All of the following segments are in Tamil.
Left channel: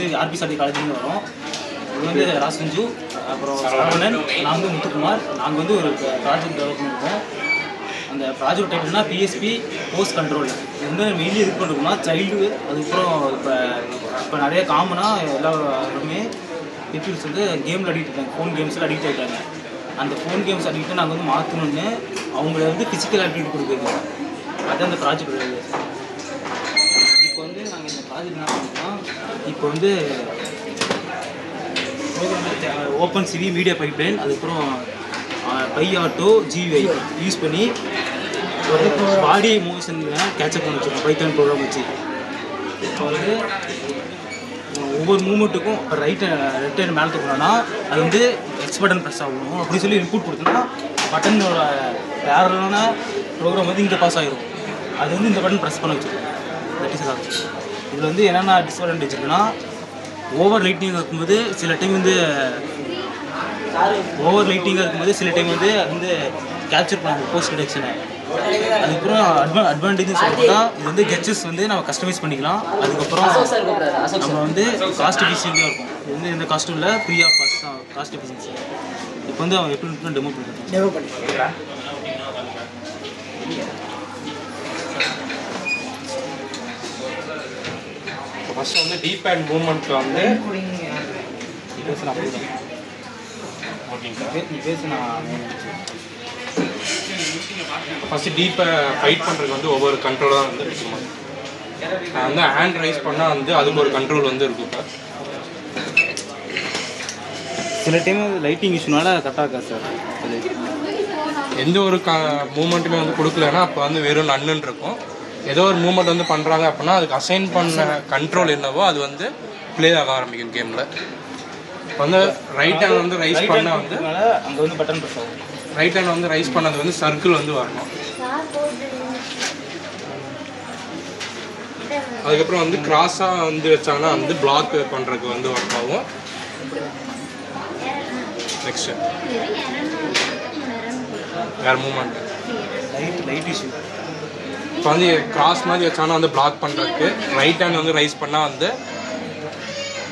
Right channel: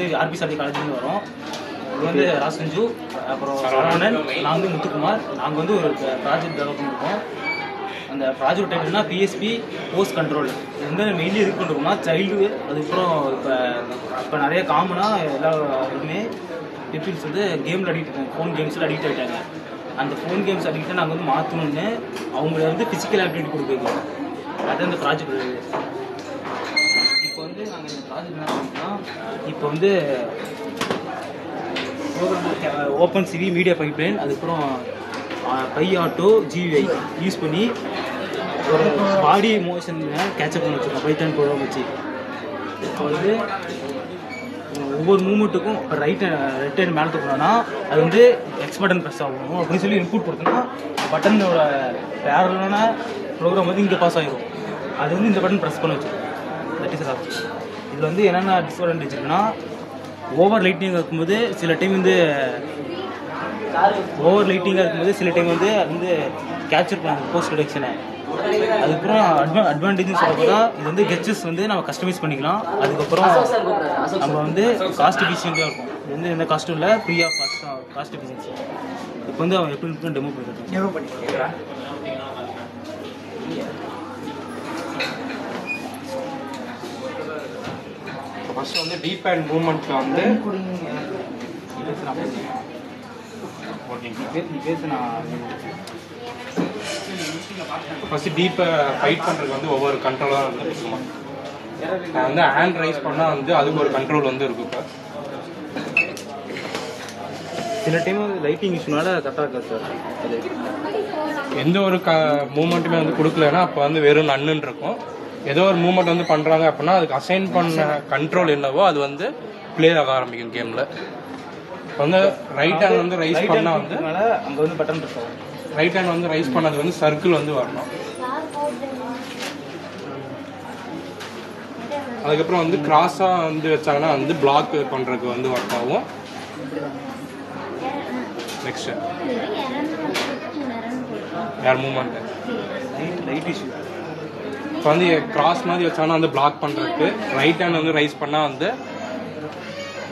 வந்து ஆர்பிசாடி காலேஜ்லேருந்து வரோம். இது வந்து ராசஞ்சு, அப்புறம் சரவணன், நான் வந்து முத்துக்குமார். நாங்கள் வந்து ஒரு ப்ராஜெக்ட் டெவலப் பண்ணியிருக்கோம். அந்த ப்ராஜெக்ட் டைப்னா பிஎஸ்பி போஸ்ட் கண்ட்ரோல். இது வந்து மெயின்லி எது பண்ணுறோம்னா சைல்டு, அதுக்கப்புறம் இப்போ நிறைய காமனாக எல்லாருமே பீப்புள்ஸ் வந்து கேமில் அடிக்ட் ஆகிட்டாங்க, ஃபோன் கேம்ஸில் அடிக்ட் ஆகிட்டாங்க. அந்த ஃபோன் கேம்ஸ் அடிக்ட்டை நாங்கள் வந்து மாற்றணுன்னு அவங்கள வந்து ஃபிசிக்கல் ஆக்டிவிட்டி கொடுக்குறோம். அதுதான் அந்த ப்ராஜெக்ட். இப்போ வந்து நாங்கள் இந்த ப்ராஜெக்ட் என்ன பண்ணுறோம்னா, இப்போ வந்து program OpenCV media pipeline, அதுக்கப்புறம் பை ஆட்டோ ஜிவி யூஸ் பண்ணி பாடி மோஷனில் கேட்சப் பண்ண வச்சுருக்கோம் பைத்தான் ப்ரோக்ராம் வச்சு. இப்போ வந்து ஒவ்வொரு மூமெண்ட்டுக்கும் இப்போ லெஃப்ட் ஹேண்ட் மேலே தூக்கணும்னா அது வந்து எக்ஸ் பட்டன் ப்ரெஸ் ஆகணும் அப்படின்னு சொல்லி இன்புட் கொடுத்தோன்னா பட்டனோட பேரலான ப்ரோக்ராம் வந்து இங்கே பாஸ் ஆகிடும். அது வந்து இந்த பட்டன் ப்ரெஸ் பண்ண வச்சுருக்கோம். That is off. இதில் வந்து என்னென்ன டிஸ்அட்வான்டேஜ் இருக்குன்னா, ஓவர் லைட்டிங்காக இருக்கும்போது சில டைம் வந்து அது வந்து கேப்சர் பண்ணாங்க போஸ்ட் டிடெக்ஷனை. அதுக்கப்புறம் அட்வான்டேஜ் சொல்லப்போனா இது வந்து கெட்சஸ் வந்து நம்ம கஸ்டமைஸ் பண்ணிக்கலாம். அதுக்கப்புறம் நம்ம வந்து காஸ்ட் எஃபிஷியண்ட்டாக இருக்கும். இது வந்து எந்த காஸ்ட்டும் இல்லை, ஃப்ரீ ஆஃப் காஸ்ட் எஃபிஷியன்சி. இப்போ வந்து அவன் எப்படி டெமோ பண்ணுறான். ஃபஸ்ட்டு வந்து டீப் ஹேண்ட் மூவ்மெண்ட்டில் வந்து ஃபஸ்ட்டு டீப்பை ஃபைட் பண்ணுறதுக்கு வந்து ஒவ்வொரு கண்ட்ரோலாக வந்து முக்கியமாக வந்து ஹேண்ட் ரைஸ் பண்ணால் வந்து அதுக்கு ஒரு கண்ட்ரோல் வந்து இருக்கும். இப்போ சில டைம் லைட்டிங் இஷ்யூனால கரெக்டாக இருக்கா சார்? அது எந்த ஒரு மூமெண்ட்டுமே வந்து கொடுக்கலன்னா அப்போ வந்து வெறும் நன்னுன்னு இருக்கும். ஏதோ ஒரு மூமெண்ட் வந்து பண்ணுறாங்க அப்படின்னா அதுக்கு அசைன் பண்ண கண்ட்ரோல் என்னவோ அது வந்து ப்ளே ஆக ஆரம்பிக்கும் கேமில். இப்போ வந்து ரைட் ஹேண்ட் வந்து ரைஸ் பண்ணால் வந்து அங்கே வந்து பட்டன் ப்ரெஸ் ஆகும். ரைட் ஹேண்ட் வந்து ரைஸ் பண்ணது வந்து சர்க்கிள் வந்து வரணும். அதுக்கப்புறம் வந்து கிராஸாக வந்து வச்சாங்கன்னா வந்து பிளாக் பண்ணுறதுக்கு வந்து ஒர்க் ஆகும். நெக்ஸ்ட்டு வேறு மூமெண்ட்டு லைட் இஷ்யூ. இப்போ வந்து கிராஸ் மாதிரி வச்சாங்கன்னா வந்து பிளாக் பண்ணுறதுக்கு ரைட் ஹேண்ட் வந்து ரைஸ் பண்ணால் வந்து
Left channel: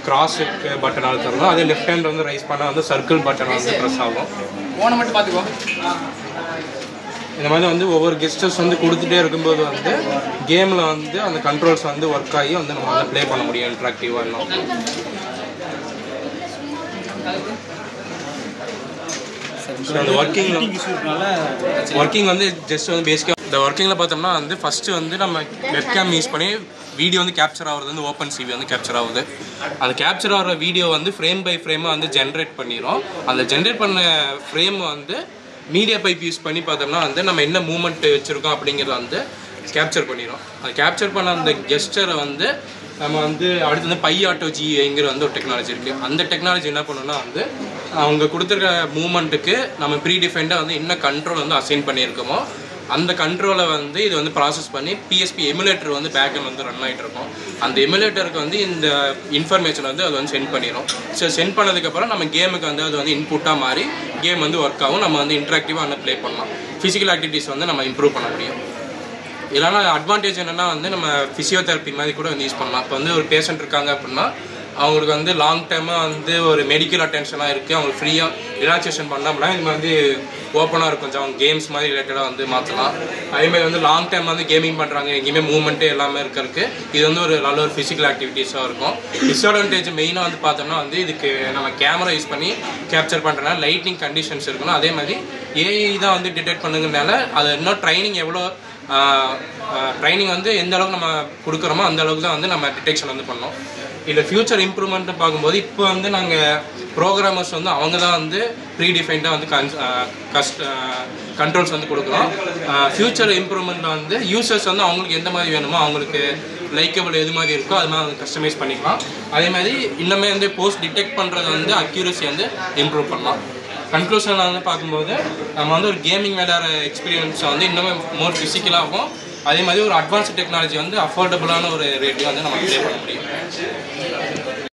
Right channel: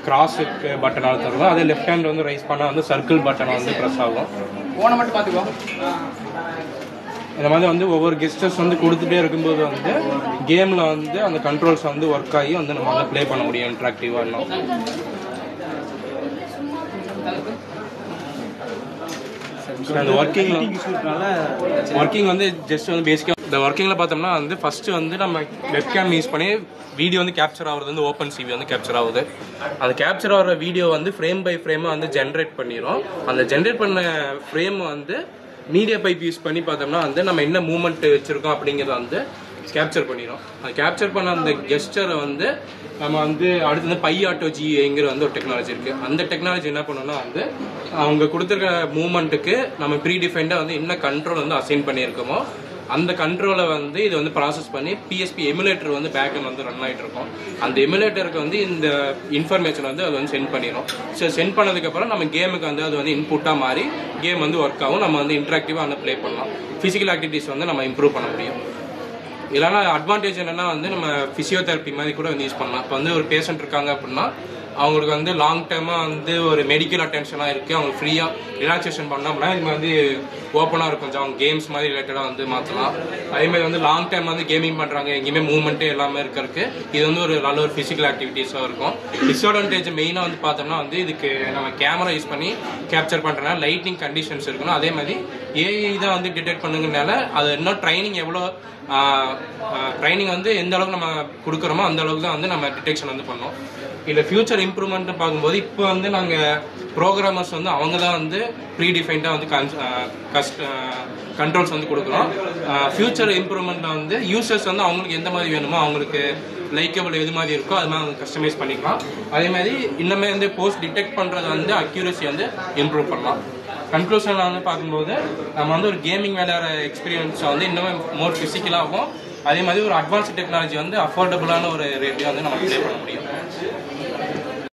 கிராஸுக்கு பட்டன் அழுத்தணும். அதே லெஃப்ட் ஹேண்ட் வந்து ரைஸ் பண்ணால் வந்து சர்க்கிள் பட்டன் வந்து ப்ரெஸ் ஆகும். மட்டும் பார்த்துக்கோ. இந்த மாதிரி வந்து ஒவ்வொரு கெஸ்டர்ஸ் வந்து கொடுத்துட்டே இருக்கும்போது வந்து கேமில் வந்து அந்த கண்ட்ரோல்ஸ் வந்து ஒர்க் ஆகி வந்து நம்ம வந்து ப்ளே பண்ண முடியும் இன்ட்ராக்டிவாக இன்னும். அந்த ஒர்க்கிங் வந்து ஜஸ்ட் வந்து பேசிக்காக இந்த ஒர்க்கிங்கில் பார்த்தோம்னா வந்து ஃபஸ்ட்டு வந்து நம்ம வெப்கேம் யூஸ் பண்ணி வீடியோ வந்து கேப்சர் ஆகுறது வந்து ஓப்பன் சிவி வந்து கேப்சர் ஆகுது. அந்த கேப்சர் ஆகிற வீடியோ வந்து ஃப்ரேம் பை ஃப்ரேமாக வந்து ஜென்ரேட் பண்ணிடும். அந்த ஜென்ரேட் பண்ண ஃப்ரேம் வந்து மீடியா பைப் யூஸ் பண்ணி பார்த்தோம்னா வந்து நம்ம என்ன மூமெண்ட் வச்சுருக்கோம் அப்படிங்கிறத வந்து கேப்சர் பண்ணிடும். அது கேப்சர் பண்ண அந்த கெஸ்டரை வந்து நம்ம வந்து அடுத்து வந்து பை ஆட்டோ ஜிங்கிற வந்து ஒரு டெக்னாலஜி இருக்குது. அந்த டெக்னாலஜி என்ன பண்ணணும்னா வந்து அவங்க கொடுத்துருக்க மூமெண்ட்டுக்கு நம்ம ப்ரீடிஃபைண்டாக வந்து என்ன கண்ட்ரோல் வந்து அசைன் பண்ணியிருக்கோமோ அந்த கண்ட்ரோலை வந்து இது வந்து ப்ராசஸ் பண்ணி பிஎஸ்பி எமுலேட்டர் வந்து பேக்கில் வந்து ரன் ஆகிட்டு இருக்கும். அந்த எமுலேட்டருக்கு வந்து இந்த இன்ஃபர்மேஷன் வந்து அது வந்து சென்ட் பண்ணிடும். ஸோ சென்ட் பண்ணதுக்கப்புறம் நம்ம கேமுக்கு வந்து அது வந்து இன்புட்டாக மாறி கேம் வந்து ஒர்க் ஆகும். நம்ம வந்து இன்ட்ராக்டிவாக வந்து ப்ளே பண்ணலாம். ஃபிசிக்கல் ஆக்டிவிட்டீஸ் வந்து நம்ம இம்ப்ரூவ் பண்ண முடியும். இல்லைனா அட்வான்டேஜ் என்னென்னா வந்து நம்ம ஃபிசியோதெரப்பி மாதிரி கூட வந்து யூஸ் பண்ணலாம். இப்போ வந்து ஒரு பேஷண்ட் இருக்காங்க அப்படின்னா அவங்களுக்கு வந்து லாங் டைமாக வந்து ஒரு மெடிக்கல் அட்டென்ஷனாக இருக்குது, அவங்களுக்கு ஃப்ரீயாக ரிலாக்ஸேஷன் பண்ணோம்னா இது வந்து ஓப்பனாக இருக்கும். கொஞ்சம் அவங்க கேம்ஸ் மாதிரி ரிலேட்டடாக வந்து மாற்றலாம். அதேமாதிரி வந்து லாங் டைம் வந்து கேமிங் பண்ணுறாங்க, எங்கேயுமே மூவ்மெண்ட்டு எல்லாமே இருக்கிறதுக்கு இது வந்து ஒரு நல்ல ஒரு ஃபிசிக்கல் ஆக்டிவிட்டீஸாக இருக்கும். டிஸ்அட்வான்டேஜ் மெயினாக வந்து பார்த்தோம்னா வந்து இதுக்கு நம்ம கேமரா யூஸ் பண்ணி கேப்சர் பண்ணுறதுனால லைட்டிங் கண்டிஷன்ஸ் இருக்கணும். அதே மாதிரி ஏஐ தான் வந்து டிடெக்ட் பண்ணுங்கனால அது இன்னும் ட்ரைனிங் வந்து எந்த அளவுக்கு நம்ம கொடுக்குறோமோ அந்த அளவுக்கு தான் வந்து நம்ம டிடெக்ஷன் வந்து பண்ணோம். இதில் ஃபியூச்சர் இம்ப்ரூவ்மெண்ட்டு பார்க்கும்போது இப்போ வந்து நாங்கள் ப்ரோக்ராமர்ஸ் வந்து அவங்க தான் வந்து ப்ரீடிஃபைண்டாக வந்து கண்ட்ரோல்ஸ் வந்து கொடுக்குறோம். ஃபியூச்சர் இம்ப்ரூவ்மெண்ட்டில் வந்து யூசர்ஸ் வந்து அவங்களுக்கு எந்த மாதிரி வேணுமோ அவங்களுக்கு லைக்கபிள் எது மாதிரி இருக்கோ அது மாதிரி வந்து கஸ்டமைஸ் பண்ணிக்கலாம். அதே மாதிரி இன்னுமே வந்து போஸ்ட் டிடெக்ட் பண்ணுறது வந்து அக்யூரசி வந்து இம்ப்ரூவ் பண்ணலாம். கன்க்ளூஷனில் வந்து பார்க்கும்போது நம்ம வந்து ஒரு கேமிங் விளையாடுற எக்ஸ்பீரியன்ஸை வந்து இன்னுமே மோர் ஃபிசிக்கலாகவும் அதே மாதிரி ஒரு அட்வான்ஸ்டு டெக்னாலஜி வந்து அஃபோர்டபுளான ஒரு ரேட்டையும் வந்து நம்ம ப்ளே பண்ண முடியும்.